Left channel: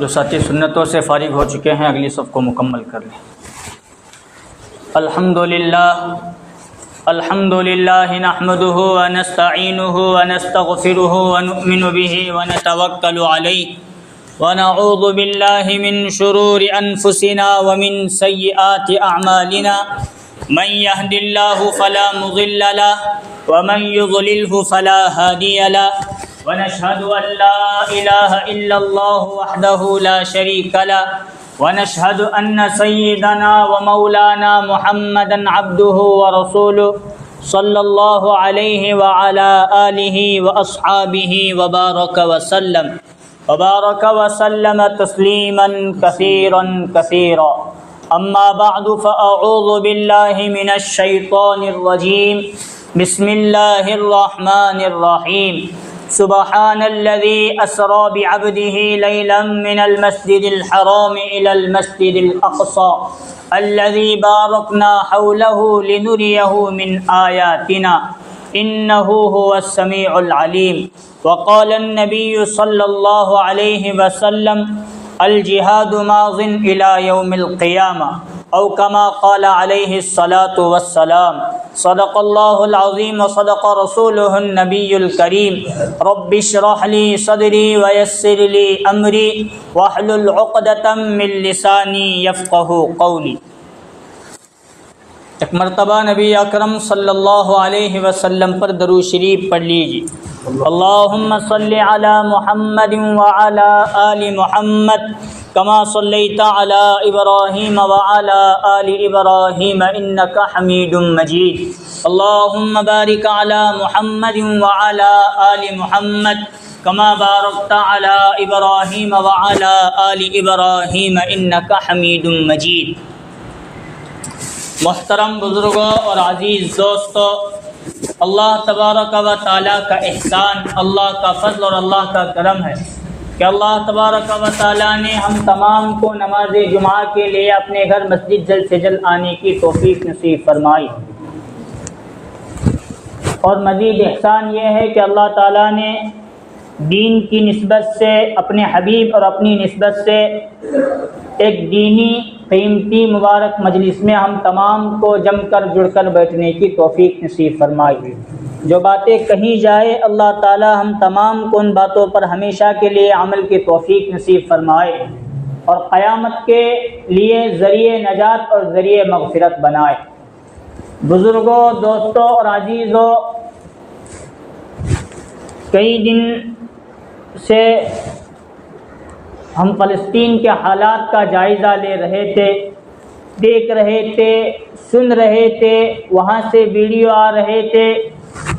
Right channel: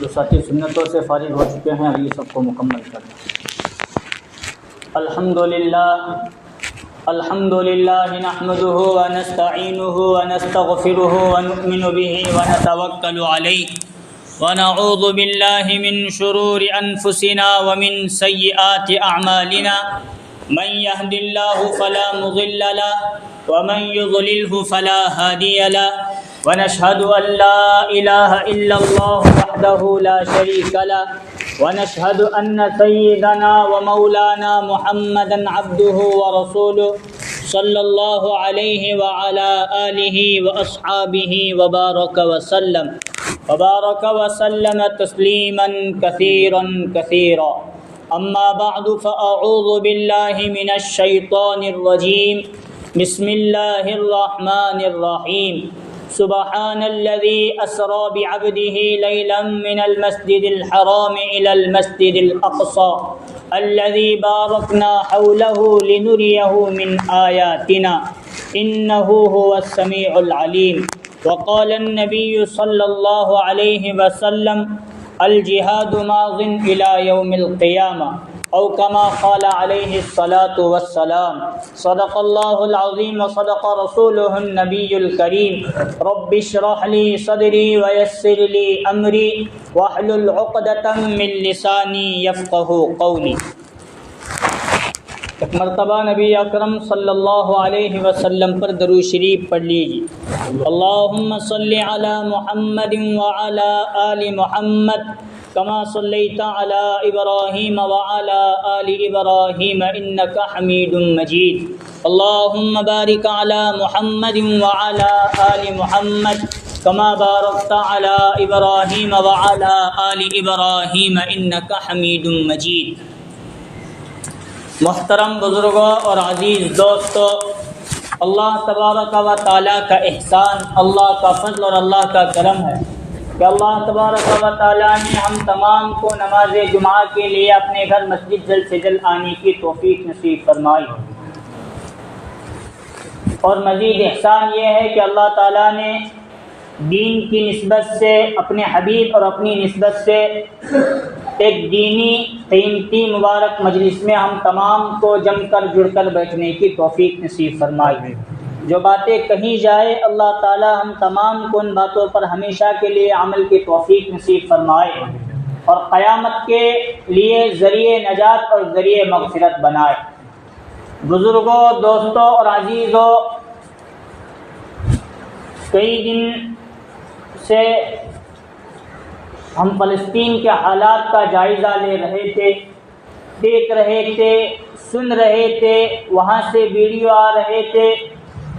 جو ساتھی سنتوں سے فارغ ہو چکے ہیں اگلی صف کو مکمل کر لیں۔ الحمد للہ نحمده ونستعینه ونستغفره ونؤمن به ونتوکل علیہ ونعوذ باللہ من شرور انفسنا ومن سیئات اعمالنا من يهد الله فلا مضل له ومن يضلله فلا هادي له ونشهد أن لا إله إلا الله وحده لا شريك له ونشهد أن سيدنا ومولانا محمدا عبده ورسوله صلى الله عليه وعلى آله وأصحابه وبارك وسلم تسليما كثيرا كثيرا أما بعد فأعوذ بالله من الشيطان الرجيم بسم الله الرحمن الرحيم سبحان الذي أسرى بعبده ليلا من المسجد الحرام إلى المسجد الأقصى الذي باركنا حوله لنريه من آياتنا إنه هو السميع العليم وقال النبي صلى الله عليه وسلم الجهاد ماض إلى يوم القيامة أو كما قال عليه الصلاة والسلام صدق الله العظيم وصدق رسوله النبي الكريم رب اشرح لي صدري ويسر لي أمري واحلل عقدة من لساني يفقه قولي۔ ایک مرتبہ نبی اکرم صلی اللہ علیہ وسلم پر درود شریف پڑھ لیجیے۔ اللہم صلی علی محمد وعلی آل محمد کما صلیت علی ابراہیم وعلی آل ابراہیم انک حمید مجید۔ اللہم بارک علی محمد وعلی آل محمد کما بارکت علی ابراہیم وعلی آل ابراہیم انک حمید مجید۔ محترم بزرگوں اور عزیز دوستو، اللہ تبارک و تعالیٰ کا احسان، اللہ کا فضل اور اللہ کا کرم ہے کہ اللہ تبارک و تعالیٰ نے ہم تمام کو نماز جمعہ کے لیے اپنے گھر مسجد جلد سے جلد آنے کی توفیق نصیب فرمائی، اور مزید احسان یہ ہے کہ اللہ تعالیٰ نے دین کی نسبت سے، اپنے حبیب اور اپنی نسبت سے ایک دینی قیمتی مبارک مجلس میں ہم تمام کو جم کر جڑ کر بیٹھنے کی توفیق نصیب فرمائی۔ جو باتیں کہیں جائے اللہ تعالی ہم تمام کو ان باتوں پر ہمیشہ کے لیے عمل کی توفیق نصیب فرمائے اور قیامت کے لیے ذریعہ نجات اور ذریعہ مغفرت بنائے۔ بزرگوں، دوستوں اور عزیزوں، کئی دن سے ہم فلسطین کے حالات کا جائزہ لے رہے تھے، دیکھ رہے تھے، سن رہے تھے، وہاں سے ویڈیو آ رہے تھے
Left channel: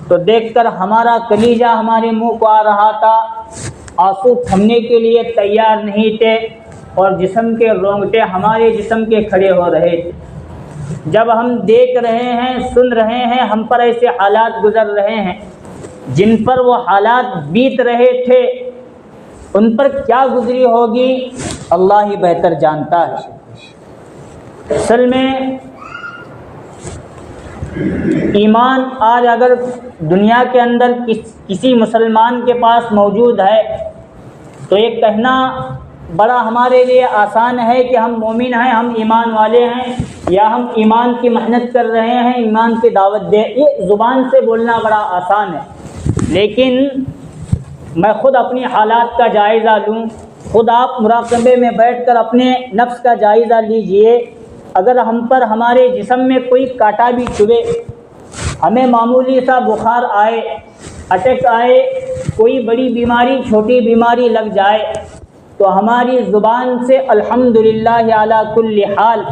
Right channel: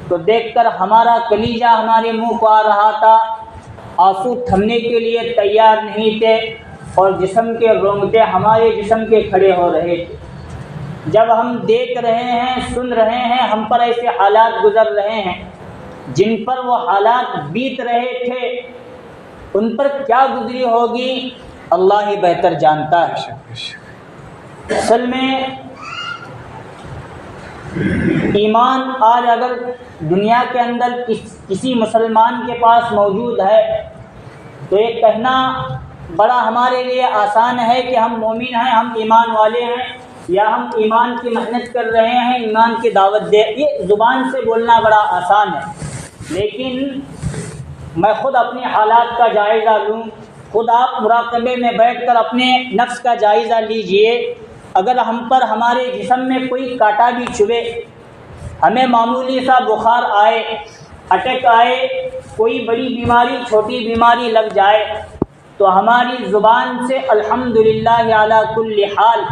تو دیکھ کر ہمارا کلیجہ ہمارے منہ کو آ رہا تھا، آنسو تھمنے کے لیے تیار نہیں تھے اور جسم کے رونگٹے ہمارے جسم کے کھڑے ہو رہے تھے۔ جب ہم دیکھ رہے ہیں، سن رہے ہیں، ہم پر ایسے حالات گزر رہے ہیں جن پر وہ حالات بیت رہے تھے، ان پر کیا گزری ہوگی اللہ ہی بہتر جانتا ہے۔ اصل میں ایمان آج اگر دنیا کے اندر کسی مسلمان کے پاس موجود ہے تو یہ کہنا بڑا ہمارے لیے آسان ہے کہ ہم مومن ہیں، ہم ایمان والے ہیں، یا ہم ایمان کی محنت کر رہے ہیں، ایمان کی دعوت دے، یہ زبان سے بولنا بڑا آسان ہے، لیکن میں خود اپنی حالات کا جائزہ لوں، خود آپ مراقبے میں بیٹھ کر اپنے نفس کا جائزہ لیجئے۔ اگر ہم پر، ہمارے جسم میں کوئی کانٹا بھی چبھے، ہمیں معمولی سا بخار آئے، اٹیک آئے، کوئی بڑی بیماری، چھوٹی بیماری لگ جائے تو ہماری زبان سے الحمدللہ علی کل حال،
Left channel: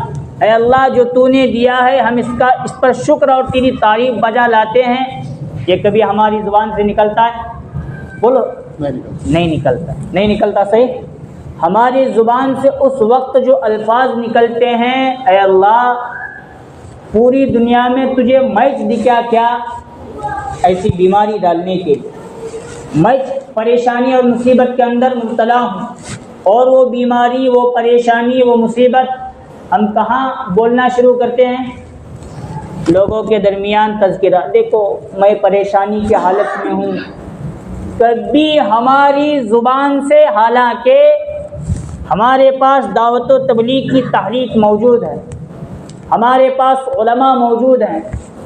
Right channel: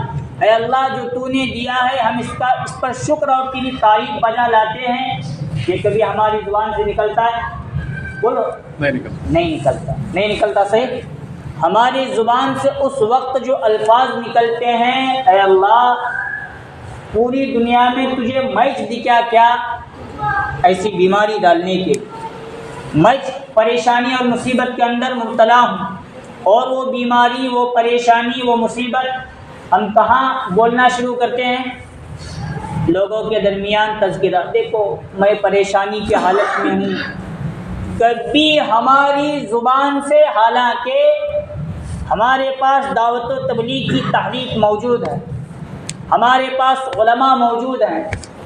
اے اللہ جو تو نے دیا ہے ہم اس پر شکر اور تیری تعریف بجا لاتے ہیں، یہ کبھی ہماری زبان سے نکلتا ہے؟ بولو، نہیں نکلتا صحیح۔ ہماری زبان سے اس وقت جو الفاظ نکلتے ہیں، اے اللہ پوری دنیا میں تجھے میچ دکھا کیا ایسی بیماری ڈالنے کے لیے، میں پریشانی اور مصیبت کے اندر مبتلا ہوں، اور وہ بیماری، وہ پریشانی، وہ مصیبت ہم کہاں بولنا شروع کرتے ہیں؟ لوگوں کے درمیان تذکرہ، دیکھو میں پریشانی کی حالت میں ہوں، کبھی ہماری زبان سے، حالانکہ ہمارے پاس دعوت و تبلیغ کی تحریک موجود ہے، ہمارے پاس علماء موجود ہیں،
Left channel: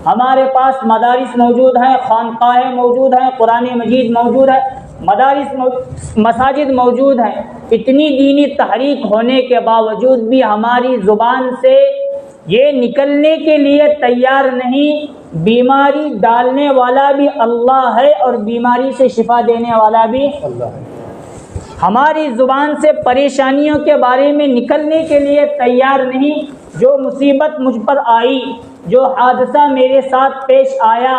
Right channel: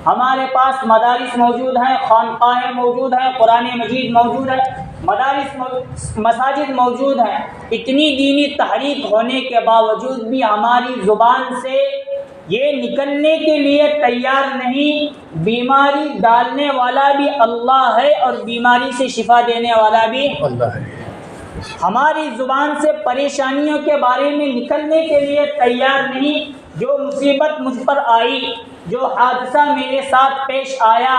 ہمارے پاس مدارس موجود ہیں، خانقاہیں موجود ہیں، قرآن مجید موجود ہے، مساجد موجود ہیں۔ اتنی دینی تحریک ہونے کے باوجود بھی ہماری زبان سے یہ نکلنے کے لیے تیار نہیں، بیماری ڈالنے والا بھی اللہ ہے اور بیماری سے شفا دینے والا بھی اللہ ہے۔ ہماری زبان سے پریشانیوں کے بارے میں نکلنے کے لیے تیار نہیں۔ جو مصیبت مجھ پر آئی، جو حادثہ میرے ساتھ پیش آیا،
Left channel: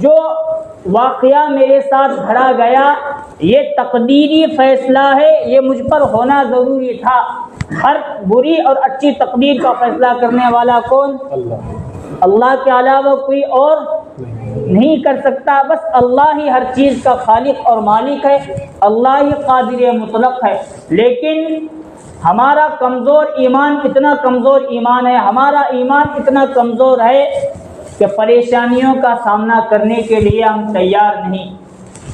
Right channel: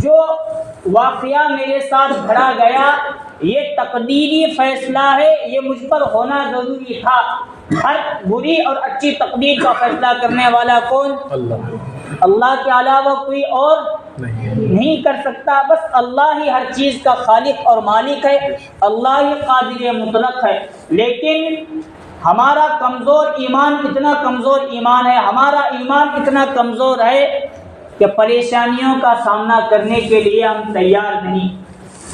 جو واقعہ میرے ساتھ گھڑا گیا، یہ تقدیری فیصلہ ہے، یہ مجھ پر ہونا ضروری تھا۔ ہر بری اور اچھی تقدیر کا فیصلہ کرنے والا کون؟ اللہ کے علاوہ کوئی اور نہیں کر سکتا۔ بس اللہ ہی ہر چیز کا خالق اور مالک ہے، اللہ ہی قادر مطلق ہے۔ لیکن ہمارا کمزور ایمان، اتنا کمزور ایمان ہے، ہمارا ایمان اتنا کمزور ہے کہ پریشانیوں کا سامنا کرنے کے لیے ہم تیار نہیں۔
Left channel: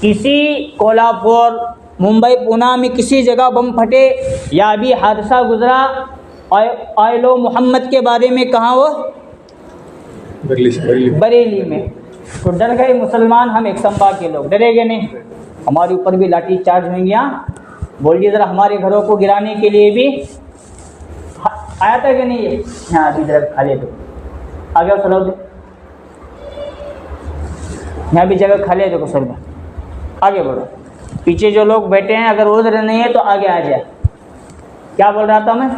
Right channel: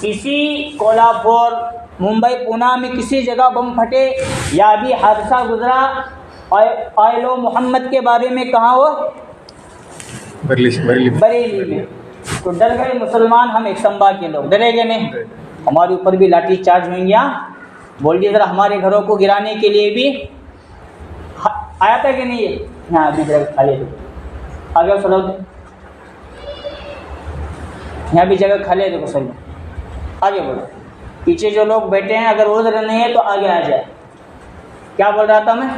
کسی کولہاپور، ممبئی، پونا میں کسی جگہ بم پھٹے یا ابھی حادثہ گزرا آئلو محمد کے بارے میں، کہاں وہ بریلی میں، تو ڈر گئے مسلمان، ہم ایک سمبا کے لوگ ڈرے گئے نہیں، ہمارے اوپر بھی لاٹھی چارج ہوئیں گے۔ بولیے ذرا ہمارے گھروں کو گرانے کے لیے بھی آیا تھا کہ نہیں؟ ہے ہاں، ابھی جگہ کھا لے دو، آگے سلو دو، یہاں بھی جگہ کھا لے دو سر میں، آگے بڑھو۔ پیچھے جو لوگ بیٹھے ہیں اگر وہ ذرا نہیں ہے تو آگے آ جائے۔ کیا بول رہا تھا میں؟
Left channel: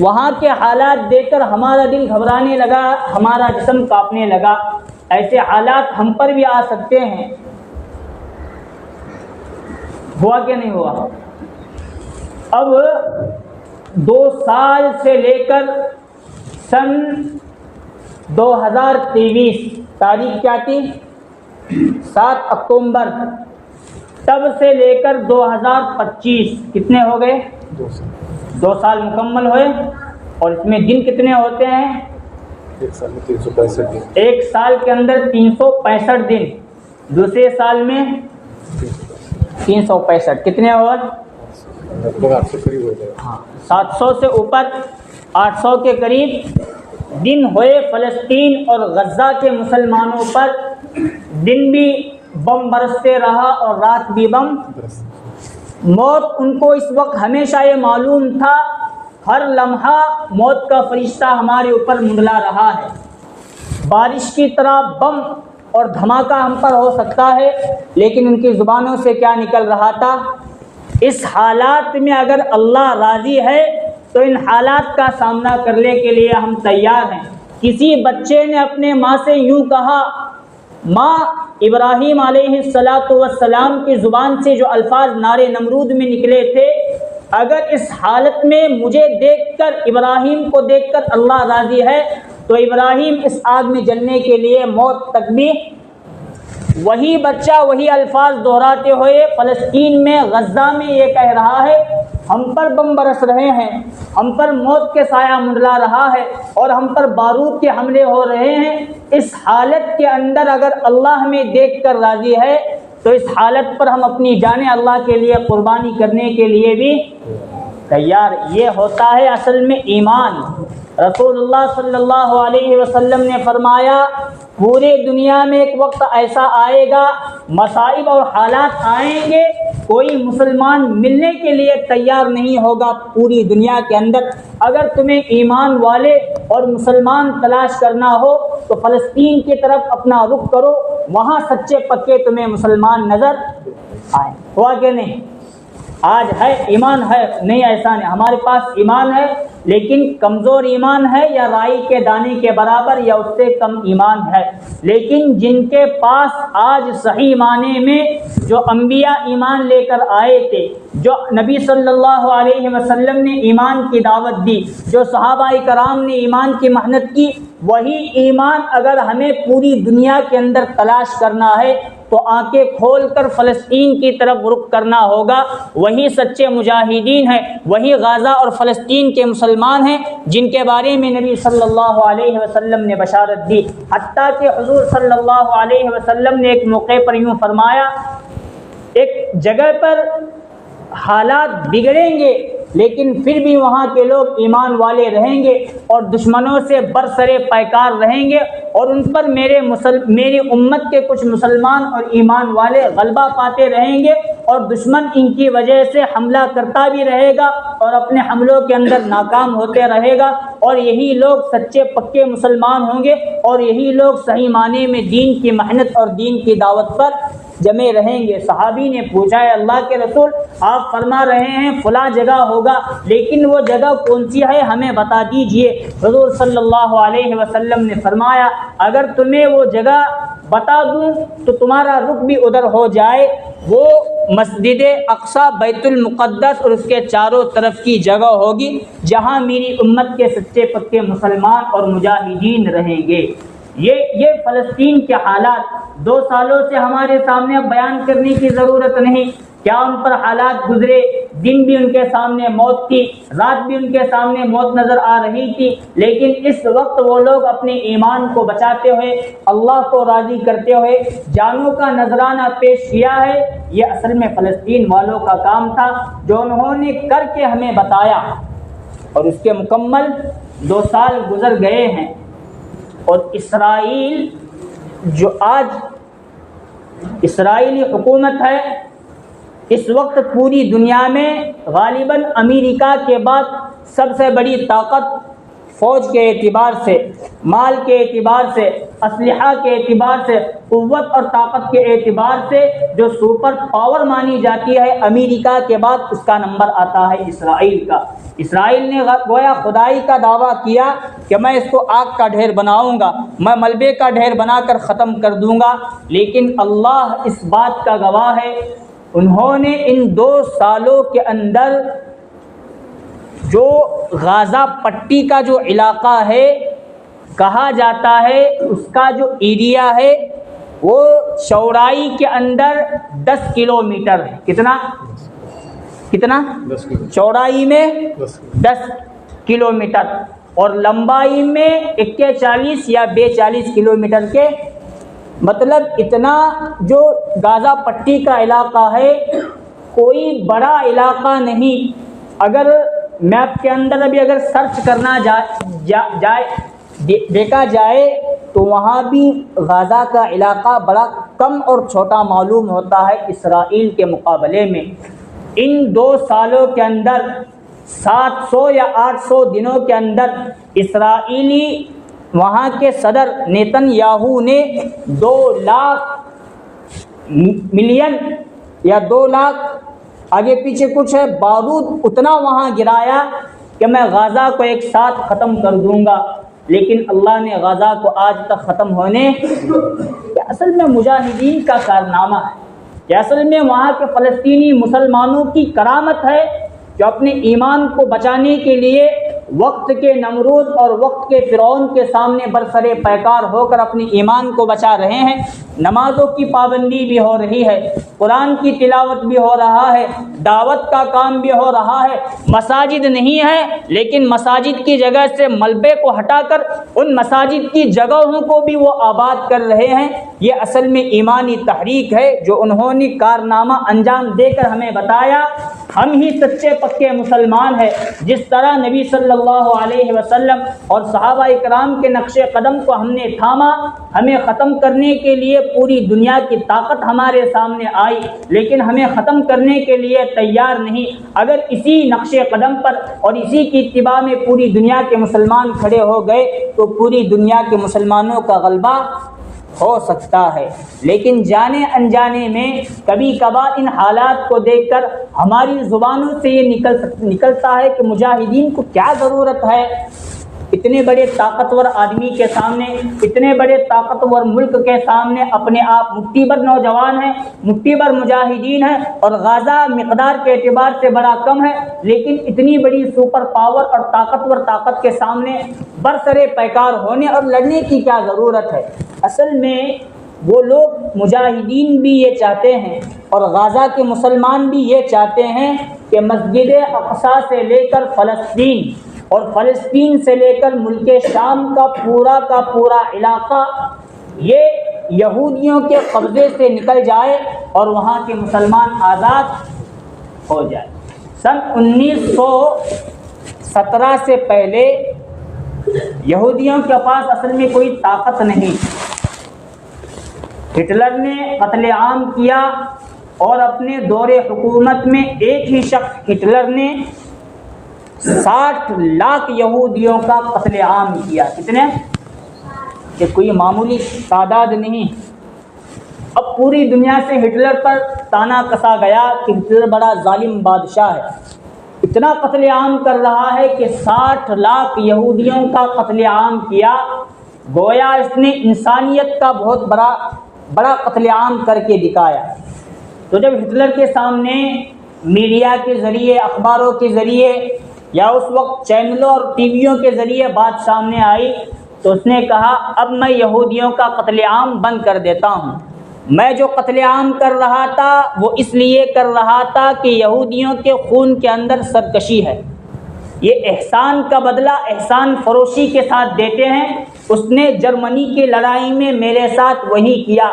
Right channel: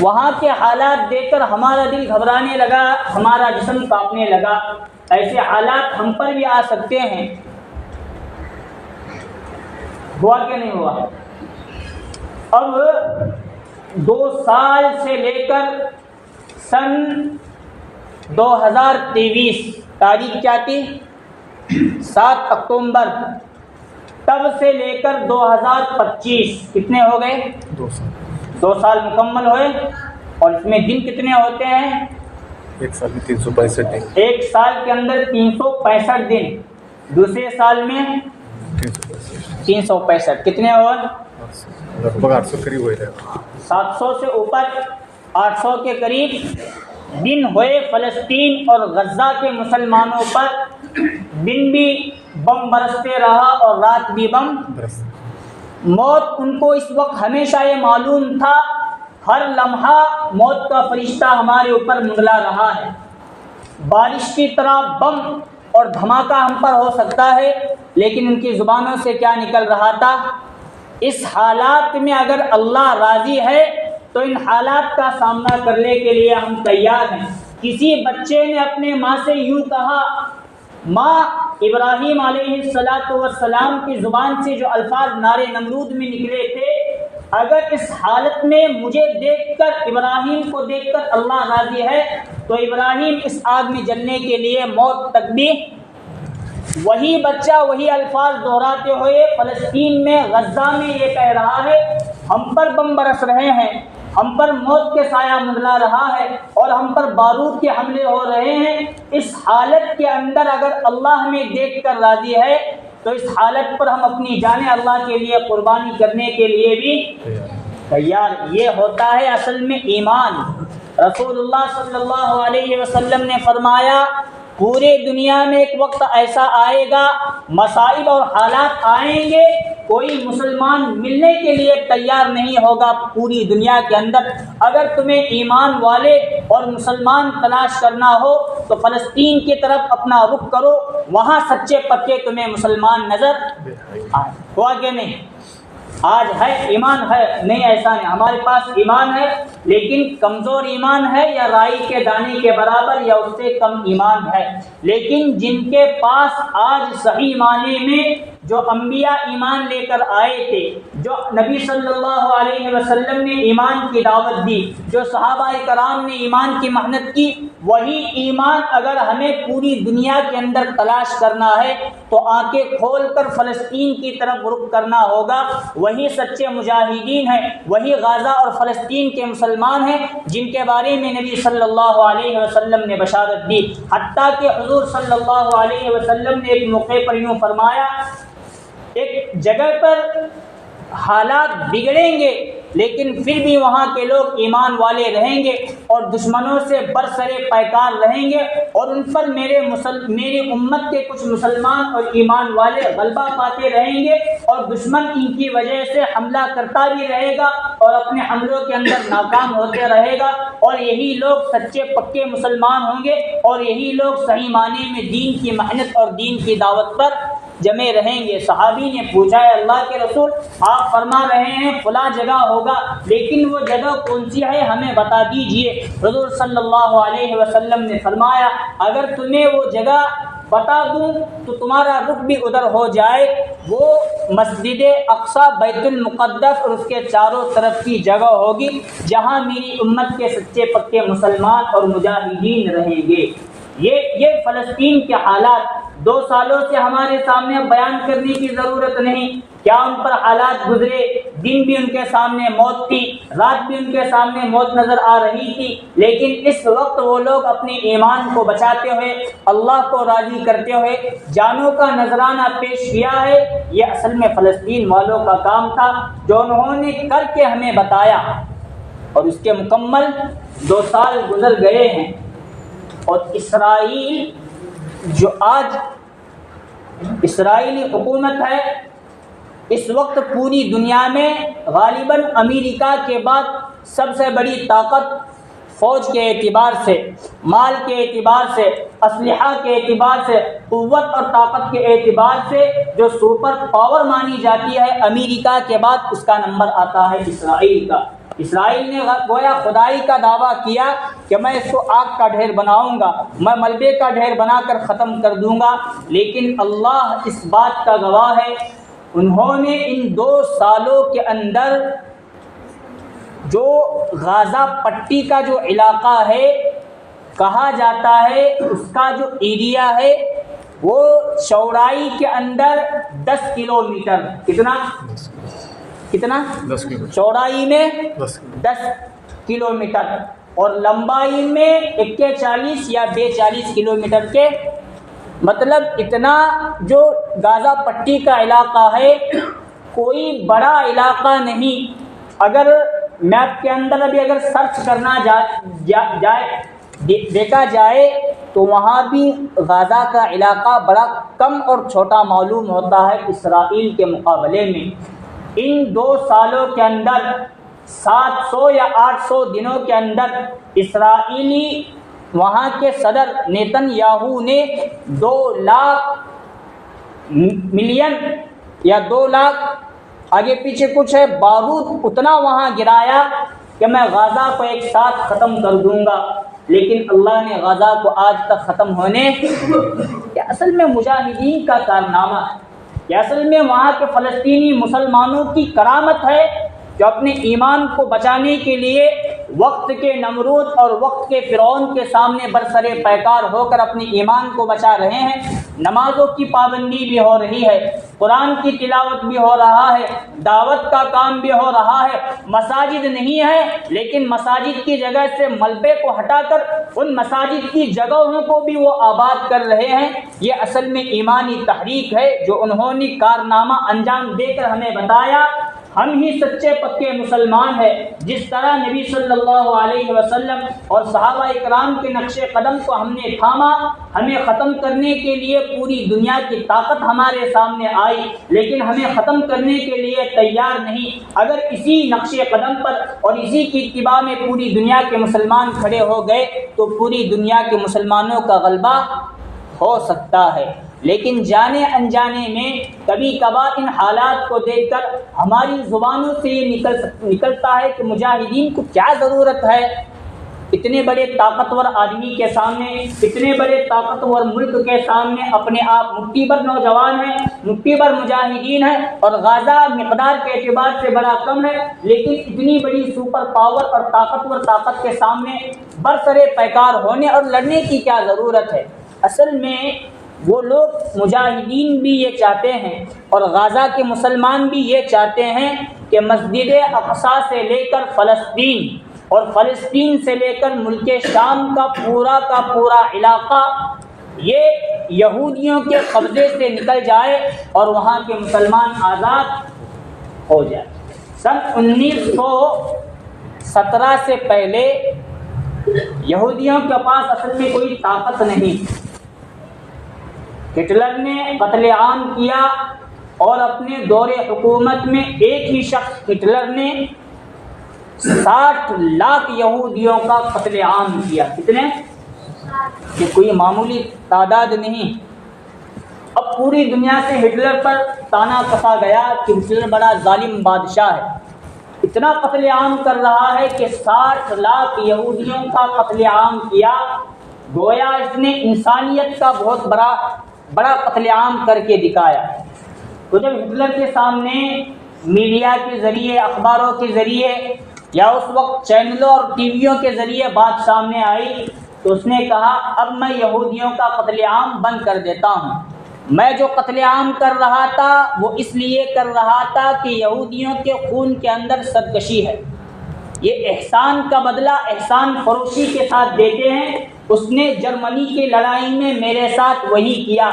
وہاں کے حالات دیکھ کر ہمارا دل گھبرانے لگا، ہمارا جسم کانپنے لگا۔ ایسے حالات ہم پر بھی آ سکتے ہیں۔ ہوا کہ نہیں ہوا؟ اب 2 سال سے لے کر سن 2023 تاریخ کیا تھی؟ 7 اکتوبر، تب سے لے کر 2025 کتنے ہو گئے؟ 2 سال مکمل ہوئے۔ اور اس میں دن کتنے ہوتے ہیں؟ ایک سال میں 365 دن۔ ایک سال کے اندر 365 دن، دوسرے سال میں 365، کتنے اور؟ 800 قریب ہو جائے گا، 700 سے اوپر، 800 کے قریب دن ہوئے فلسطین اور غزہ کے مسلمانوں پر۔ دن بھی بم برستے رہا اور رات بھی بم۔ موت ان کو اس وقت ہمیشہ یہ معلوم تھا، ہر لمحہ موت کا فرشتہ ہمارے اوپر منڈلا رہا ہے۔ بارش کی طرح بم اور دھماکہ ہم پر ہو سکتا ہے، لیکن ان کی زبانوں سے کیا نکل رہا تھا؟ اس حالات میں اگر اللہ راضی ہے تو ان حالات کا سامنا کرنے کے لیے ہم تیار ہیں۔ کسی بچے نے اپنے ماں سے یوں کہا، ماں، ابراہیم علیہ السلام کی زبان سے جو الفاظ نارے نمرود میں نکلے تھے، اگر اس حالت میں مجھے دیکھ کر، ابراہیم کو دیکھ کر اللہ راضی ہے تو ابراہیم اس آگ میں جلنے کے لیے موت تک بھی۔ وہی بچہ وہی الفاظ دہراتے ہوئے فلسطین میں، غزہ میں یہ کہہ رہا ہے، ہم پر بم برس رہے ہیں، ہم پر موت کے سایہ منڈلا رہا ہے اور ہم پر بارود کے حملے ہو رہے ہیں۔ اس حالت کے اندر اگر اللہ ہمیں دیکھ کر راضی ہے تو اس حالت پر ہم اپنی جانیں اللہ کے لیے قربانی کرنے کے لیے بھی تیار۔ یہ ہوتا ہے اصل میں ایمان۔ رسول اللہ صلی اللہ علیہ وسلم نے فرمایا، پورے دنیا میں ایک وقت ایسا آئے گا، مصائب اور حالات آئیں گے، کوئی مسلمان ملنے کے لیے تیار نہیں ہوگا پوری دنیا کے اندر۔ اگر تمہیں ایمان والے اور مسلمان تلاش کرنا ہو تو فلسطین کی طرف اپنا رخ کرو، وہاں سچے پکے تمہیں مسلمان نظر آئیں۔ ہوا کہ نہیں؟ آج ہے ایمان ہے، نہیں ایسا نہیں، ہمارے پاس ایمان ہے لیکن کمزور ایمان ہے، یا رائی کے دانے کے برابر یا اس سے کم ایمان ہے۔ لیکن جن کے پاس آج صحیح معنی میں جو انبیاء ایمان لے کر آئے تھے، جو نبی صلی اللہ علیہ وسلم نے ایمان کی دعوت دی، جو صحابہ کرام نے ایمان کی محنت کی، وہی ایمان اگر ہمیں پوری دنیا کے اندر تلاش کرنا ہے تو آنکھیں کھول کر فلسطین کی طرف رخ کرنا ہوگا۔ وہی سچے مجاہدین ہیں، وہی غزہ اور فلسطین کے مسلمان ہیں جن کے بارے میں نبی صلی اللہ علیہ وسلم نے بشارت دی۔ حتیٰ کہ حضور صلی اللہ علیہ وسلم نے ایک موقع پر یوں فرمایا، ایک جگہ پر حالات بگڑیں گے لیکن پھر بھی وہاں کے لوگ ایمان والے رہیں گے اور دشمنوں سے برسر پیکار رہیں گے، اور ان پر میری امت کے کچھ مسلمان اور ایمان والے غلبہ پاتے رہیں گے، اور دشمن ان کی وجہ سے حملہ کرتا بھی رہے گا اور اپنے حملوں کے اندر ناکام ہوتے رہے گا، اور یہی لوگ سچے پکے مسلمان ہوں گے، اور یہی لوگ صحیح معنی میں دین کی محنت اور دین کی دعوت پر جمے رہیں گے۔ صحابی نے پوچھا ہے اللہ کے رسول، آپ فرما رہے ہیں فلاں جگہ ہوگا، لیکن وہ جگہ کون سی ہے ہمیں بتا دیجئے۔ حضور صلی اللہ علیہ وسلم نے فرمایا اگر تمہیں وہ جگہ بتا دوں تو تمہارا رخ بھی ادھر ہو جائے، وہ مسجد اقصی بیت المقدس اور اس کے چاروں طرف کی جگہ ہوگی جہاں میری امت کے سچے پکے مسلمان اور مجاہدین رہیں گے۔ یہ فلسطین کے حالات 2 سالوں سے ہمارے سامنے بیان کرنے کی ضرورت نہیں، کیا ان پر حالات گزرے، دن بھی ان کے سامنے موت تھی، رات بھی ان کے سامنے موت نظر آ رہی تھی، لیکن اس وقت وہ لوگ اپنے ایمان کو بچاتے ہوئے، اللہ کو راضی کرتے ہوئے جانوں کا نذرانہ پیش کیا ہے۔ یہ اصل میں فلسطین والوں کا کام تھا جو انہوں نے کر کے ہمیں بتایا، اور اس کے مکمل 2 سال گزر گئے ہیں، اور اسرائیل جو آج اسرائیلی حکومت ہے اس وقت پوری دنیا میں غالباً امریکہ کے بعد سب سے بڑی طاقت، فوج کے اعتبار سے، مال کے اعتبار سے، اسلحہ کے اعتبار سے، قوت اور طاقت کے اعتبار سے جو سپر پاور مانی جاتی ہے، امریکہ کے بعد اس کا نمبر آتا ہے اسرائیل کا۔ اسرائیل نے گویا خدائی کا دعویٰ کیا کہ میں اس کو آگ کا ڈھیر بناؤں گا، میں ملبے کا ڈھیر بنا کر ختم کر دوں گا، لیکن اللہ اس بات کا گواہ ہے انہوں نے ان 2 سالوں کے اندر جو غازہ پٹی کا جو علاقہ ہے کہا جاتا ہے، اس کا جو ایریا ہے وہ چوڑائی کے اندر 10 کلومیٹر، کتنا 10 چوڑائی میں 10 کلومیٹر اور لمبائی میں 41 یا 42 کلومیٹر کے، مطلب اتنا جو غازہ پٹی کا علاقہ ہے کوئی بڑا علاقہ نہیں۔ اگر میپ کے اندر ابھی اگر سرچ کرنا دیکھا جائے تو وہاں بھی غازہ کا علاقہ بڑا کم اور چھوٹا معلوم ہوتا ہے اسرائیل کے مقابلے میں۔ ان 2 سالوں کے اندر 700 یا 800 دنوں کے اندر اسرائیلی وہاں کے صدر نیتن یاہو نے 2 لاکھ ملین یا 2 لاکھ آگے پیچھے کچھ ہے بارود اتنا وہاں گرایا کہ میں غازہ کو ایک ساتھ ختم کر دوں گا، لیکن اللہ نے غازہ کو آج تک ختم ہونے یہ اصل میں مجاہدین کا کارنامہ ہے، یہ اصل میں وہاں کے فلسطینی مسلمانوں کی کرامت ہے جو اپنے ایمان کو بچانے کے لیے وقت کے نمرود اور وقت کے فرعون کے سامنے برسرے پیکار ہو کر اپنے ایمان کو بچا رہے ہیں۔ نمازوں کی پابندی بھی ہو رہی ہے، قرآن کی تلاوت بھی ہو رہا ہے، دعوت کا کام بھی ہو رہا ہے، مساجد نہیں ہے لیکن مساجد کی جگہ سے ملبے کو ہٹا کر ان مساجد کی جگہوں کو بھی وہ آباد کر رہے ہیں۔ یہ اصل میں ایمانی تحریک ہے جو انہوں نے کارنامہ انجام دے کر ہمیں بتایا۔ ہم ہی سچے پکے مسلمان ہیں، جس طرح نبی صلی اللہ علیہ وسلم اور صحابہ اکرام کے نقش قدم کو ہم نے تھاما، ہمیں ختم کرنے کے لیے پوری دنیا کی طاقت ہمارے سامنے آئی لیکن ہمیں ختم کرنے کے لیے تیار نہیں۔ اگر اسی نقش قدم پر اور اسی کی اتباع میں پوری دنیا کے مسلمان کھڑے ہو گئے تو پوری دنیا کے مسلمانوں کا غلبہ ہو سکتا ہے، لیکن جانے انجانے میں کبھی کبھار ان حالات کو دیکھ کر ہماری زبانوں سے یہ نکلتا ہے کہ مجاہدین کو کیا ضرورت ہے اتنے بڑے طاقتور آدمی کے سامنے، اتنے بڑے طاقتور ملک کے سامنے اپنے آپ مٹھی بھر نوجوان ہیں، مٹھی بھر مجاہدین ہیں اور غازہ مقدار کے اعتبار سے بڑا کم ہے، لیکن اتنی بڑی سپر پاور اور طاقتور طاقت کے سامنے برسرے پیکار ہونے اور لڑنے کی کیا ضرورت ہے۔ اصل میں وہ لوگ مجاہدین بھی یہ چاہتے ہیں اور غازہ کے مسلمان بھی یہ چاہتے ہیں کہ مسجد اقصی سے لے کر فلسطین اور فلسطین سے لے کر ملک شام کا پورا علاقہ یہ یہودیوں کے قبضے سے نکل جائے اور وہاں کے مسلمان آزاد ہو جائے۔ سن 1917 سے پہلے یہودیوں کے پاس اصل میں کوئی طاقت نہیں. ہٹلر نے قتل عام کیا اور اپنے دور حکومت میں ایک ہی شخص ہٹلر نے 60 لاکھ یہودیوں کا قتل عام کیا. کتنے؟ کہ کوئی معمولی تعداد نہیں. اب پوری دنیا سے ہٹلر پر تانا کسا گیا کہ ہٹلر بڑا ظالم بادشاہ ہے. اتنا قتل عام کر رہا ہے کہ 60 لاکھ یہودیوں کا قتل عام کیا. گویا اس نے انسانیت کا بہت بڑا قتل عام کر کے دکھایا. تو جب ہٹلر کے سامنے میڈیا کے ذریعے، اخباروں کے ذریعے یا اس وقت چینلوں اور ٹی ویوں کے ذریعے بات سامنے آئی تو اس نے کہا اب میں یہودیوں کا قتل عام بند کر دیتا ہوں. میں جو قتل عام کر رہا تھا وہ اس لیے کر رہا تھا کہ یہودیوں کے خون کے اندر سرکشی ہے. یہ احسان کا بدلہ احسان فروشی کے ساتھ دیتے ہیں. اس نے جرمنی کی لڑائی میں میرے ساتھ وہی کیا.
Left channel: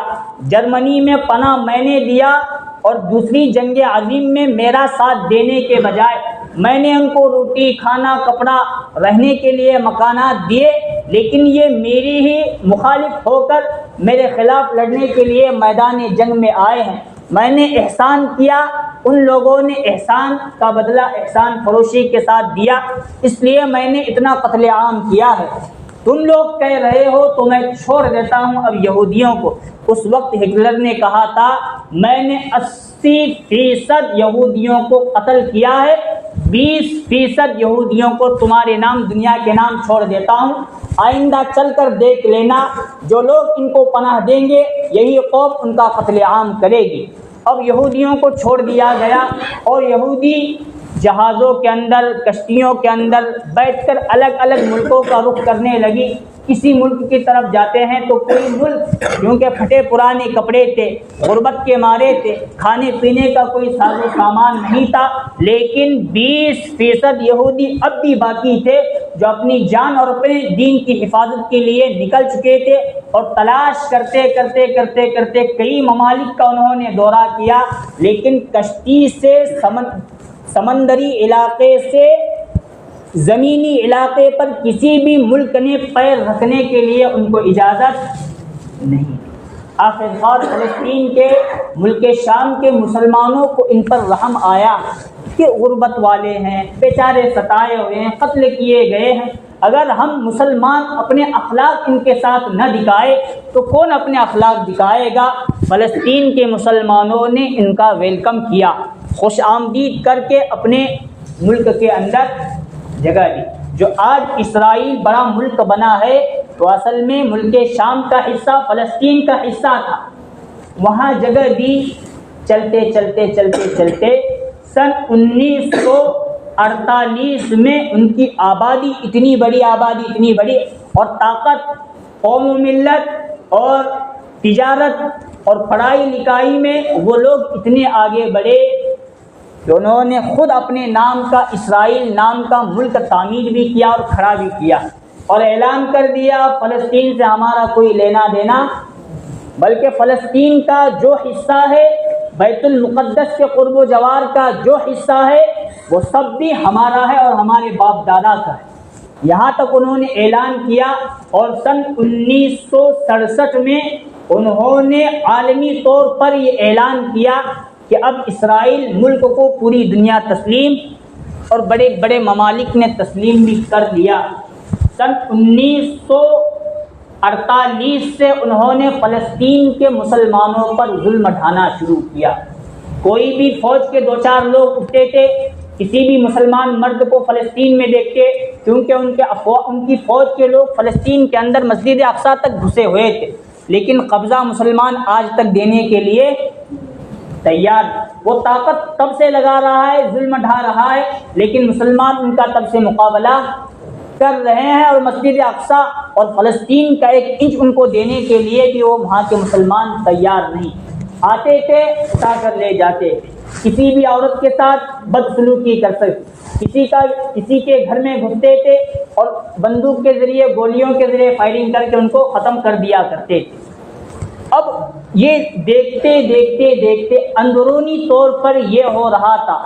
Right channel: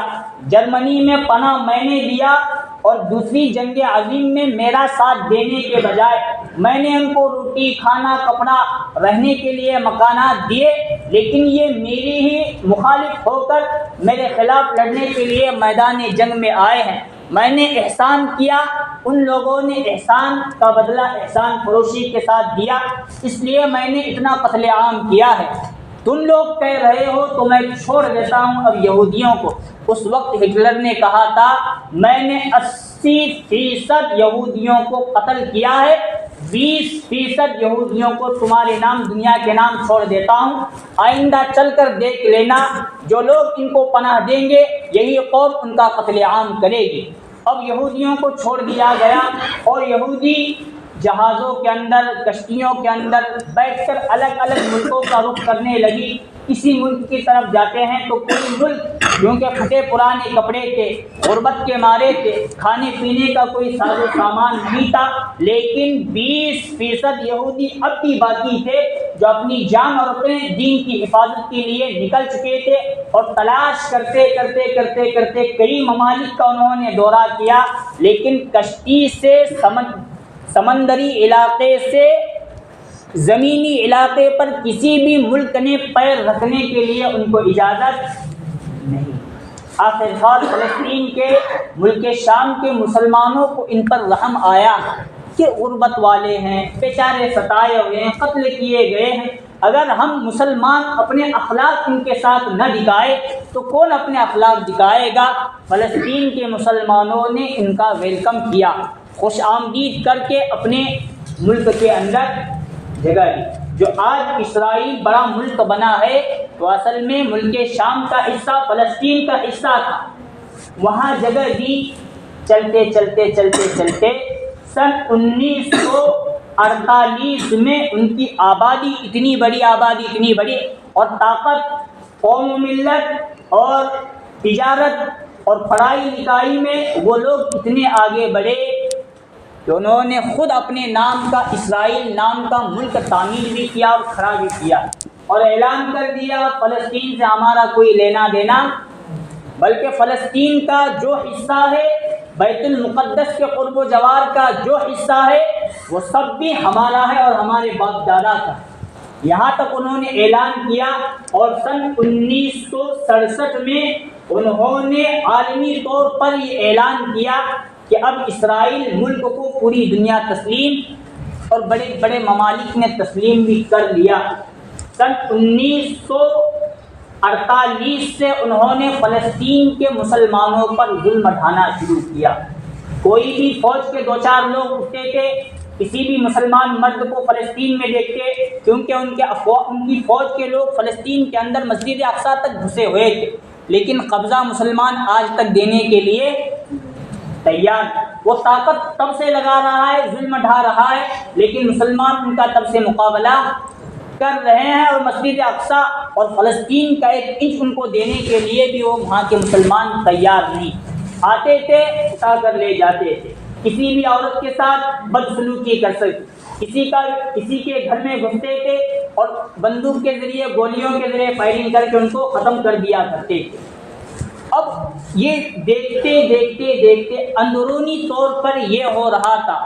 جرمنی میں پناہ میں نے دیا اور دوسری جنگ عظیم میں میرا ساتھ دینے کے بجائے میں نے ان کو روٹی، کھانا، کپڑا، رہنے کے لیے مکانات دیے، لیکن یہ میری ہی مخالف ہو کر میرے خلاف لڑنے کے لیے میدان جنگ میں آئے ہیں. میں نے احسان کیا، ان لوگوں نے احسان کا بدلہ احسان فروشی کے ساتھ دیا، اس لیے میں نے اتنا قتل عام کیا ہے. تم لوگ کہہ رہے ہو تو میں چھوڑ دیتا ہوں اب یہودیوں کو. اس وقت ہٹلر نے کہا تھا میں نے 80% یہودیوں کو قتل کیا ہے، 20% یہودیوں کو تمہارے نام دنیا کے نام چھوڑ دیتا ہوں. آئندہ چل کر دیکھ لینا، جو لوگ ان کو پناہ دیں گے یہی قوم ان کا قتل عام کرے گی. اب یہودیوں کو چھوڑ دیا گیا اور یہودی جہازوں کے اندر، کشتیوں کے اندر بیٹھ کر الگ الگ ملکوں کا رخ کرنے لگی. کسی ملک کی طرف جاتے ہیں تو کوئی ملک کیونکہ پھٹے پرانے کپڑے تھے، غربت کے مارے تھے، کھانے پینے کا کوئی ساز و سامان نہیں تھا، لیکن 20% یہودی اب بھی باقی تھے جو اپنی جان اور اپنے دین کی حفاظت کے لیے نکل چکے تھے اور تلاش کرتے کرتے کرتے کرتے کئی ممالک کا انہوں نے دورہ کیا، لیکن کشتی سے سمندری علاقے سے زمینی علاقے پر کسی بھی ملک نے پیر رکھنے کے لیے ان کو اجازت نہیں. آخرکار فلسطین کے ملک شام کے مسلمانوں کو ان پر رحم آیا کہ غربت والے ہیں، بیچارے ستائے ہوئے ہیں، قتل کیے گئے ہیں. اگر ہم مسلمان اپنے اخلاق ان کے ساتھ نہ دکھائے تو کون اپنے اخلاق دکھائے گا؟ فلسطین کے مسلمانوں نے ان کا ویلکم کیا، خوش آمدید کر کے اپنے ملک کے اندر جگہ دی. جو آج اسرائیل بڑا ملک بنا ہے تو اصل میں ملک شام کا حصہ، فلسطین کا حصہ تھا. وہاں جگہ دی. چلتے چلتے چلتے چلتے سن 1948 میں ان کی آبادی اتنی بڑی اور طاقت، قوم و ملت اور تجارت اور پڑھائی لکھائی میں وہ لوگ اتنے آگے بڑھے کہ انہوں نے خود اپنے نام کا اسرائیل نام کا ملک تعمیر بھی کیا اور کھڑا بھی کیا اور اعلان کر دیا فلسطین سے ہمارا کوئی لینا دینا، بلکہ فلسطین کا جو حصہ ہے، بیت المقدس کے قرب و جوار کا جو حصہ ہے وہ سب بھی ہمارا ہے اور ہمارے باپ دادا کا ہے. یہاں تک انہوں نے اعلان کیا اور سن 1967 میں انہوں نے عالمی طور پر یہ اعلان کیا کہ اب اسرائیل ملک کو پوری دنیا تسلیم اور بڑے بڑے ممالک نے تسلیم بھی کر لیا. سن 1948 سے انہوں نے فلسطین کے مسلمانوں پر ظلم ڈھانا شروع کیا. کوئی بھی فوج کے 2-4 لوگ اٹھتے تھے، کسی بھی مسلمان مرد کو فلسطین میں دیکھتے، کیونکہ ان کی فوج کے لوگ فلسطین کے اندر مسجد اقصیٰ تک گھسے ہوئے تھے، لیکن قبضہ مسلمان آج تک دینے کے لیے تیار. وہ طاقت تب سے لگا رہا ہے، ظلم ڈھا رہا ہے، لیکن مسلمان ان کا تب سے مقابلہ کر رہے ہیں اور مسجد اقصیٰ اور فلسطین کا 1 انچ ان کو دینے کے لیے بھی وہ وہاں کے مسلمان تیار نہیں. آتے تھے، اٹھا کر لے جاتے تھے. کسی بھی عورت کے ساتھ بدسلوکی کر سکتے، کسی کے گھر میں گھستے تھے اور بندوق کے ذریعے، گولیوں کے ذریعے فائرنگ کر کے ان کو ختم کر دیا کرتے تھے. اب یہ دیکھتے دیکھتے دیکھتے اندرونی طور پر یہ ہو رہا تھا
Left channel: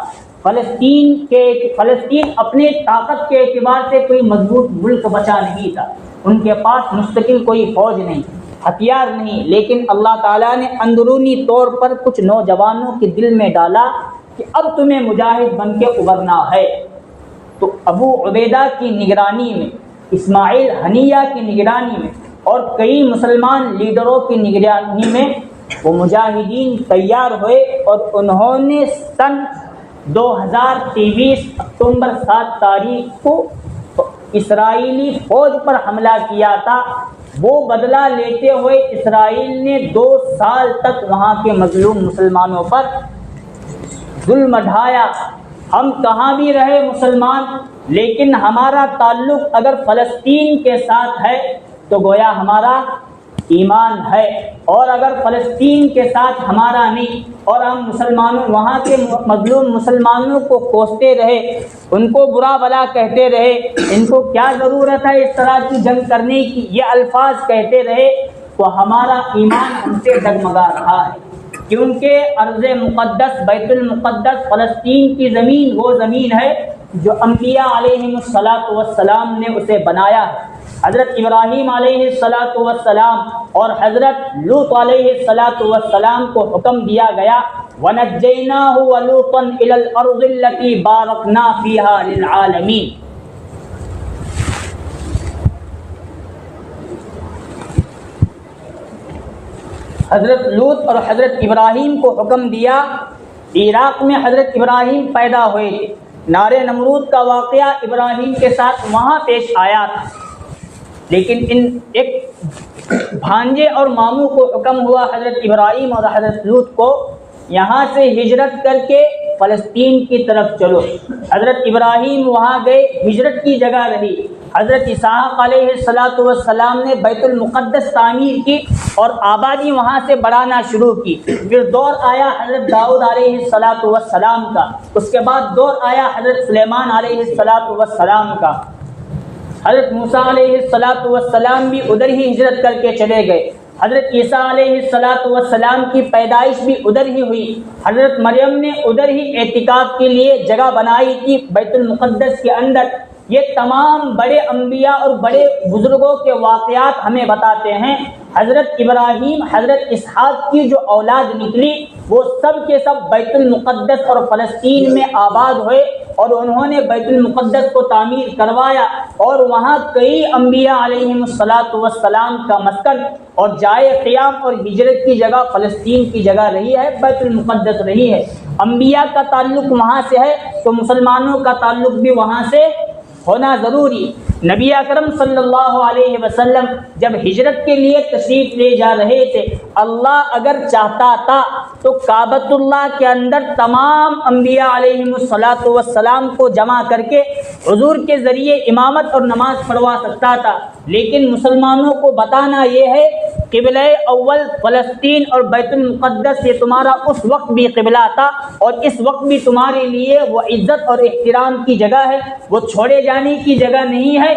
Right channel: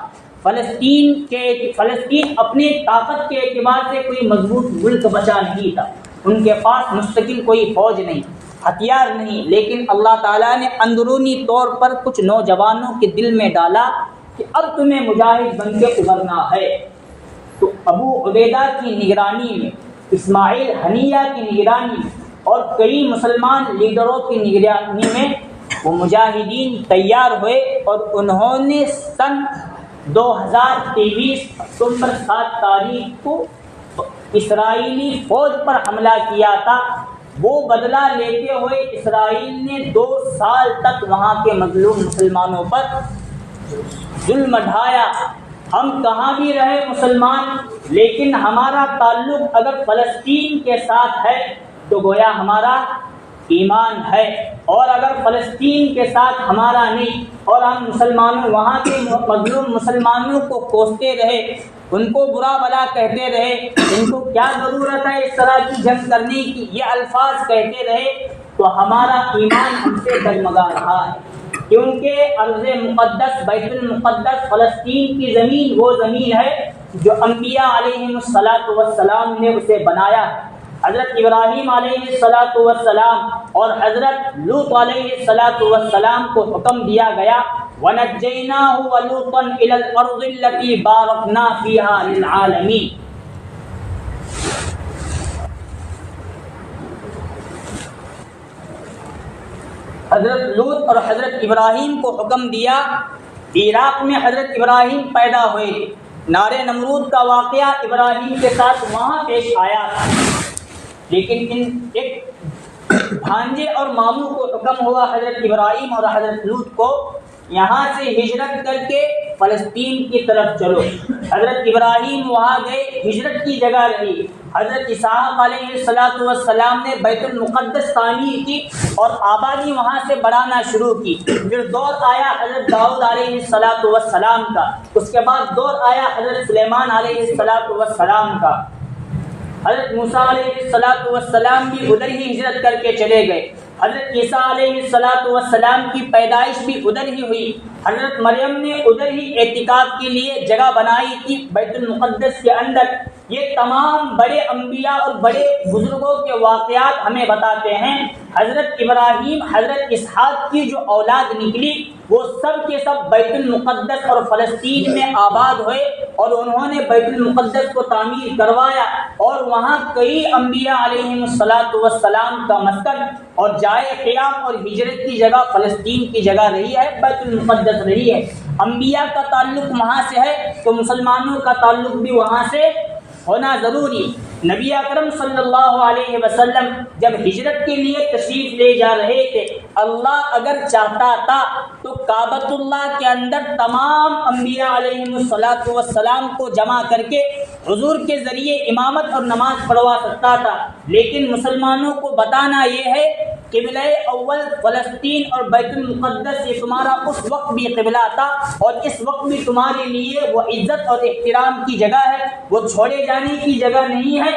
فلسطین اپنے طاقت کے اعتبار سے کوئی مضبوط ملک بچا نہیں تھا، ان کے پاس مستقل کوئی فوج نہیں، ہتھیار نہیں، لیکن اللہ تعالیٰ نے اندرونی طور پر کچھ نوجوانوں کے دل میں ڈالا کہ اب تمہیں مجاہد بن کے ابھرنا ہے۔ تو ابو عبیدہ کی نگرانی میں، اسماعیل ہنیہ کی نگرانی میں اور کئی مسلمان لیڈروں کی نگرانی میں وہ مجاہدین تیار ہوئے اور انہوں نے سن 2023 اکتوبر 7 تاریخ کو اسرائیلی فوج پر حملہ کیا تھا۔ وہ بدلہ لیتے ہوئے اسرائیل نے 2 سال تک وہاں کے مظلوم مسلمانوں پر ظلم ڈھایا۔ ہم کہاں بھی رہے مسلمان، لیکن ہمارا تعلق اگر فلسطین کے ساتھ ہے تو گویا ہمارا ایمان ہے، اور اگر فلسطین کے ساتھ ہمارا نہیں اور ہم مسلمانوں وہاں کے مظلوم مسلمانوں کو کوستے رہے، ان کو برا بھلا کہتے رہے، ان کو کیا ضرورت ہے اس طرح کی جنگ کرنے کی، یہ الفاظ کہتے رہے، تو ہمارا ایمان ہم سے ڈگمگا رہا ہے۔ کیونکہ ارض مقدس بیت المقدس فلسطین کی زمین وہ زمین ہے جو انبیاء علیہم السلام نے اسے بنایا ہے۔ حضرت ابراہیم علیہ السلام اور حضرت لوط علیہ السلام کو حکم دیا گیا وَنَجَّيْنَاهُ وَلُوطًا إِلَى الْأَرْضِ الَّتِي بَارَكْنَا فِيهَا لِلْعَالَمِينَ۔ حضرت لوط اور حضرت ابراہیم کو حکم دیا۔ عراق میں حضرت ابراہیم پیدا ہوئے تھے، نار نمرود کا واقعہ ابراہیم کے ساتھ وہاں پیش آیا تھا، لیکن ایک بھانجے اور ماموں کو حکم ہوا حضرت ابراہیم اور حضرت لوط کو یہاں سے ہجرت کر کے فلسطین کی طرف چلو۔ حضرت ابراہیم وہاں گئے، ہجرت کی جگہ رہی۔ حضرت اسحاق علیہ السلام نے بیت المقدس تعمیر کی اور آبادی وہاں سے بڑھانا شروع کی۔ پھر دور آیا حضرت داؤد علیہ السلام کا، اس کے بعد دور آیا حضرت سلیمان علیہ السلام کا۔ حضرت موسیٰ علیہ السلام بھی ادھر ہی ہجرت کر کے چلے گئے۔ حضرت عیسیٰ علیہ السلام کی پیدائش بھی ادھر ہی ہوئی۔ حضرت مریم نے ادھر ہی اعتکاف کے لیے جگہ بنائی تھی بیت المقدس کے اندر۔ یہ تمام بڑے انبیاء اور بڑے بزرگوں کے واقعات ہمیں بتاتے ہیں۔ حضرت ابراہیم، حضرت اسحاق کی جو اولاد نکلی وہ سب کے سب بیت المقدس اور فلسطین میں آباد ہوئے، اور انہوں نے بیت المقدس کو تعمیر کروایا، اور وہاں کئی انبیاء علیہم السلام کا مسکن اور جائے قیام اور ہجرت کی جگہ فلسطین کی جگہ رہی ہے، بیت المقدس رہی ہے۔ انبیاء کا تعلق وہاں سے ہے تو مسلمانوں کا تعلق بھی وہاں سے ہونا ضروری۔ نبی اکرم صلی اللہ علیہ وسلم جب ہجرت کے لیے تشریف لے جا رہے تھے، اللہ اگر چاہتا تھا تو کعبۃ اللہ کے اندر تمام انبیاء علیہم السلام کو جمع کر کے حضور کے ذریعے امامت اور نماز پڑھوا سکتا تھا، لیکن مسلمانوں کو بتانا یہ ہے قبلہ اول فلسطین اور بیت المقدس سے تمہارا اس وقت بھی قبلہ تھا، اور اس وقت بھی تمہارے لیے وہ عزت اور احترام کی جگہ ہے، وہ چھوڑے جانے کی جگہ نہیں ہے۔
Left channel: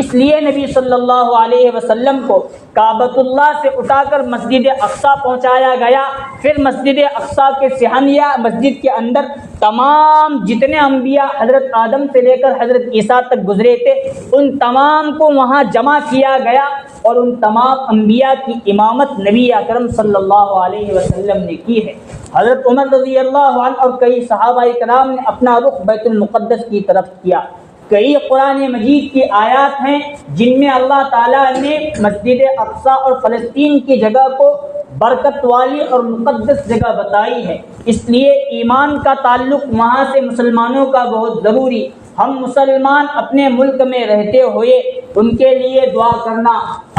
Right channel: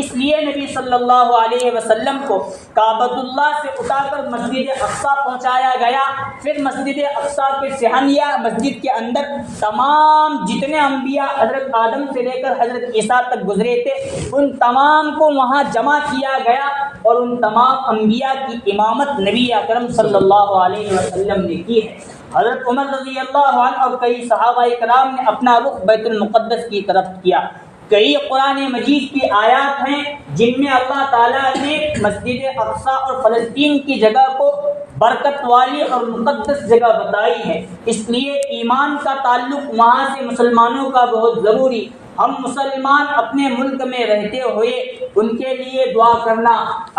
اس لیے نبی صلی اللہ علیہ وسلم کو کعبۃ اللہ سے اٹھا کر مسجد اقصیٰ پہنچایا گیا۔ پھر مسجد اقصیٰ کے صحنیہ مسجد کے اندر تمام جتنے انبیاء حضرت آدم سے لے کر حضرت عیسیٰ تک گزرے تھے، ان تمام کو وہاں جمع کیا گیا، اور ان تمام انبیاء کی امامت نبی اکرم صلی اللہ علیہ وسلم نے کی ہے۔ حضرت عمر رضی اللہ عنہ اور کئی صحابہ کرام نے اپنا رخ بیت المقدس کی طرف کیا۔ کئی قرآن مجید کی آیات ہیں جن میں اللہ تعالیٰ نے مسجد اقصیٰ اور فلسطین کی جگہ کو برکت والی اور مقدس جگہ بتائی ہے، اس لیے ایمان کا تعلق وہاں سے مسلمانوں کا بہت ضروری۔ ہم مسلمان اپنے ملک میں رہتے ہوئے ان کے لیے دعا کرنا،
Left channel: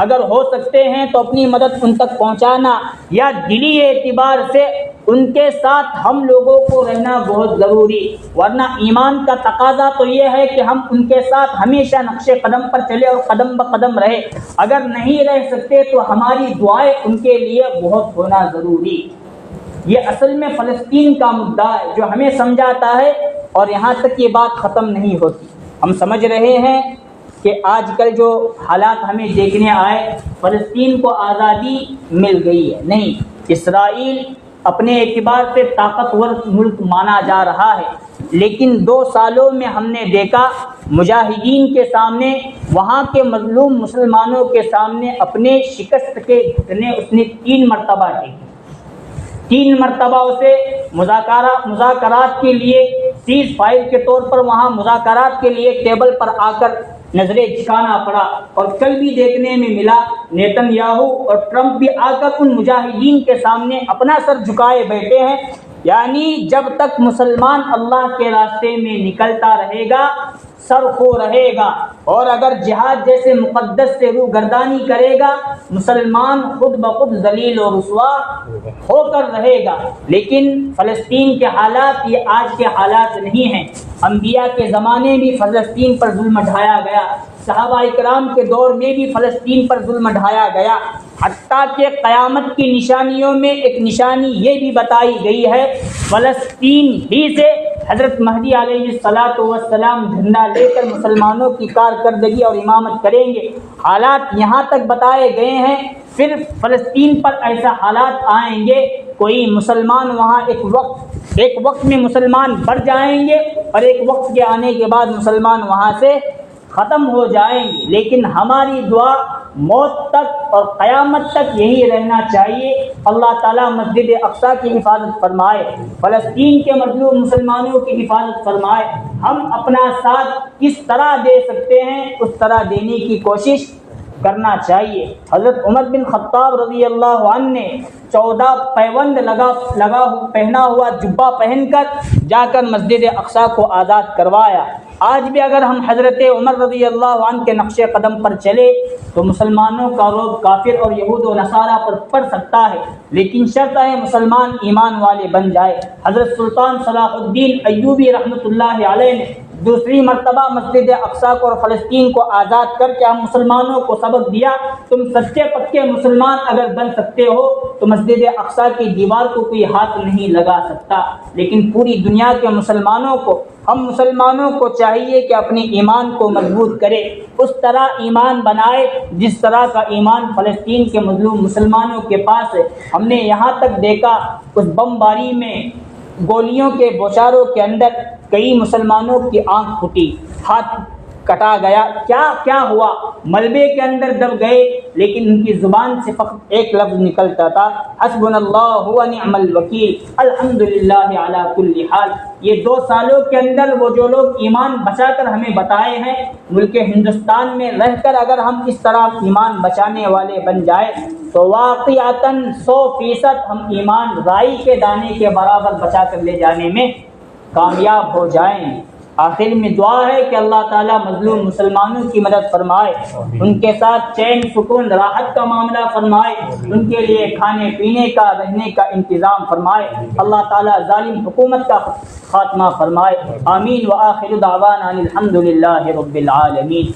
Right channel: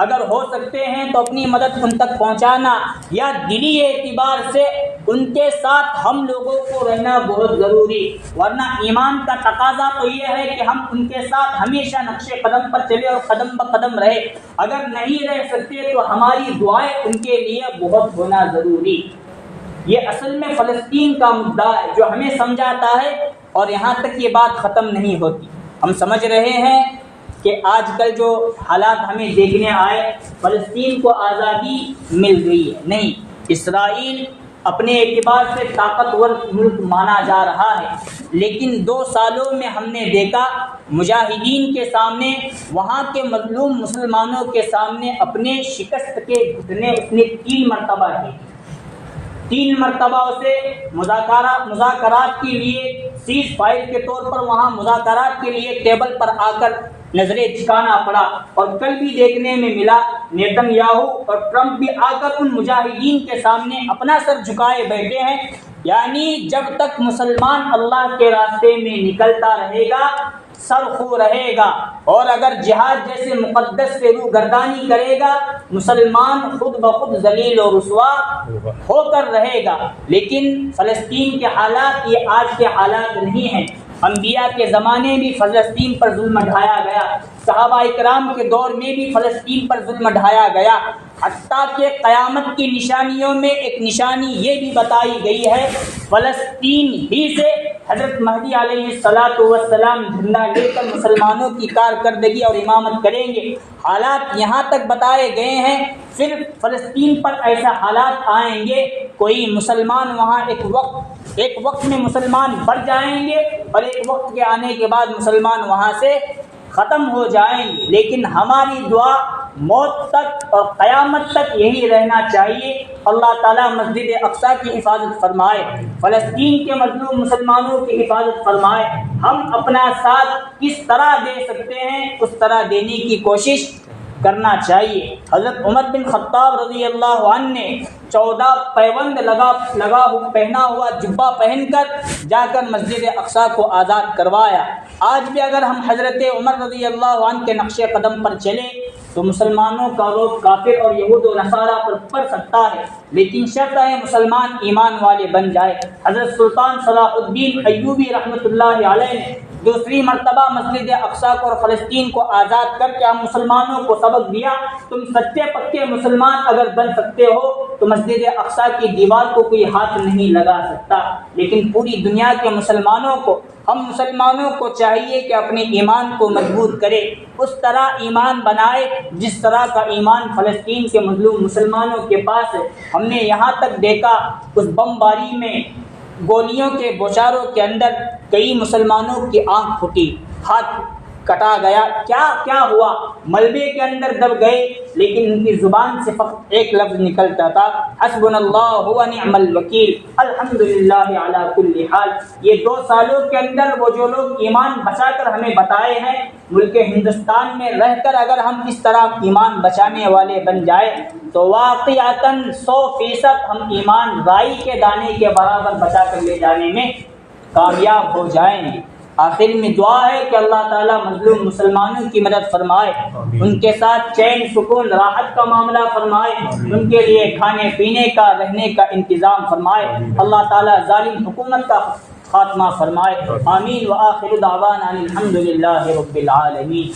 اگر ہو سکتے ہیں تو اپنی مدد ان تک پہنچانا، یا دلی اعتبار سے ان کے ساتھ ہم لوگوں کو رہنا بہت ضروری، ورنہ ایمان کا تقاضا تو یہ ہے کہ ہم ان کے ساتھ ہمیشہ نقش قدم پر چلے اور قدم بقدم رہے۔ اگر نہیں رہ سکتے تو ہماری دعائیں ان کے لیے بہت ہونا ضروری۔ یہ اصل میں فلسطین کا مدعا ہے جو ہمیں سمجھاتا ہے، اور یہاں تک یہ بات ختم نہیں ہوتی۔ ہم سمجھ رہے ہیں کہ آج کل جو حالات ہمیں دیکھنے آئے، فلسطین کو آزادی مل گئی ہے، نہیں، اسرائیل اپنے اعتبار سے طاقتور ملک مانا جا رہا ہے، لیکن 2 سالوں میں ہم نے دیکھا مجاہدین کے سامنے، وہاں کے مظلوم مسلمانوں کے سامنے اپنے شکست کے گھٹنے اس نے 3 مرتبہ ٹیکے۔ 3 مرتبہ اسے مذاکرات کے لیے سیز فائر کے طور پر وہاں مذاکرات کے لیے ٹیبل پر آ کر نظریں جھکانا پڑا، اور کل بھی دیکھنے میں ملا نیتن یاہو اور ٹرمپ بھی آ کر ان مجاہدین کے سامنے اپنا سر جھکائے بیٹھے ہیں۔ یعنی جب تک مسلمان اللہ کے راستے میں نکلتا رہے گا سر خو رہے گا، اور اگر جہاد جیسے مقدس سے روگردانی کرے گا مسلمان خود بخود ذلیل و رسوا ہو کر رہے گا۔ لیکن فلسطین کے حالات یہ آج کے حالات نہیں ہیں۔ انبیاء کے زمانے بھی فلسطین پر ظلم ڈھایا گیا، صحابہ اکرام کے دور میں بھی فلسطین پر ظلم ڈھایا گیا، حتیٰ کہ قیامت کی نشانیوں میں ایک نشانی یہ بھی بتائی گئی ہے فلسطین ہی سے حضرت مہدی علیہ السلام جھنڈا لے کر مسلمانوں کی کارکردگی اور امامت کریں گے۔ حالات یہاں تک بتائے گئے ہیں، پھر فلسطین پر ایسا حالات آئیں گے کوئی مسلمان وہاں ایک وقت میں مسلمان بڑھ جائیں گے، اور ایک وقت کے آنے کے بعد مسلمان وہاں سے ختم ہو جائیں گے۔ لیکن ہماری دعا موت تک اور قیامت تک یہی رہنا چاہیے، اللہ تعالیٰ مسجد اقصیٰ کی حفاظت فرمائے، فلسطین کے مظلوم مسلمانوں کی حفاظت فرمائے۔ ہم اپنا ساتھ کس طرح دے سکتے ہیں اس طرح دینے کی کوشش کرنا چاہیے۔ حضرت عمر بن خطاب رضی اللہ عنہ نے 14 پیوند پہنا ہوا جبہ پہن کر جا کر مسجد اقصیٰ کو آزاد کروایا۔ آج بھی اگر ہم حضرت عمر رضی اللہ عنہ کے نقش قدم پر چلے تو مسلمانوں کا روب کافر اور یہود و نصارہ پر پڑ سکتا ہے، لیکن شرط ہے مسلمان ایمان والے بن جائے۔ حضرت سلطان صلاح الدین ایوبی رحمۃ اللہ علیہ نے دوسری مرتبہ مسجد اقصیٰ کو اور فلسطین کو آزاد کر کے ہم مسلمانوں کو سبق دیا، تم سچے پکے مسلمان اگر بن سکتے ہو تو مسجد اقصیٰ کی دیوار کو کوئی ہاتھ نہیں لگا سکتا۔ لیکن پوری دنیا کے مسلمانوں کو، ہم مسلمانوں کو چاہیے کہ اپنے ایمان کو مضبوط کرے، اس طرح ایمان بنائے جس طرح کا ایمان فلسطین کے مظلوم مسلمانوں کے پاس ہے۔ ہم نے یہاں تک دیکھا اس بمباری میں گولیوں کے بوچھاروں کے اندر کئی مسلمانوں کی آنکھ پھٹی، ہاتھ کٹا گیا، کیا ہوا؟ ملبے کے اندر دب گئے، لیکن ان کی زبان سے فقط ایک لفظ نکلتا تھا، حسبنا اللہ و نعم الوکیل، الحمدللہ علی کل حال۔ یہ 2 سالوں کے اندر وہ جو لوگ ایمان بچا کر ہمیں بتائے ہیں، ملک ہندوستان میں رہ کر اگر ہم اس طرح ایمان بچانے والے بن جائیں تو واقعتاً 100% ہم ایمان رائی کے دانے کے برابر بچا کر لے جانے میں کامیاب ہو جائیں گے۔ آخر میں دعا ہے کہ اللہ تعالیٰ مظلوم مسلمانوں کی مدد فرمائے، ان کے ساتھ چین سکون راحت کا معاملہ فرمائے، ان کے لیے کھانے پینے کا رہنے کا انتظام فرمائے، اللہ تعالیٰ ظالم حکومت کا خاتمہ فرمائے۔ آمین۔ وآخر دعوانا الحمدللہ رب العالمین۔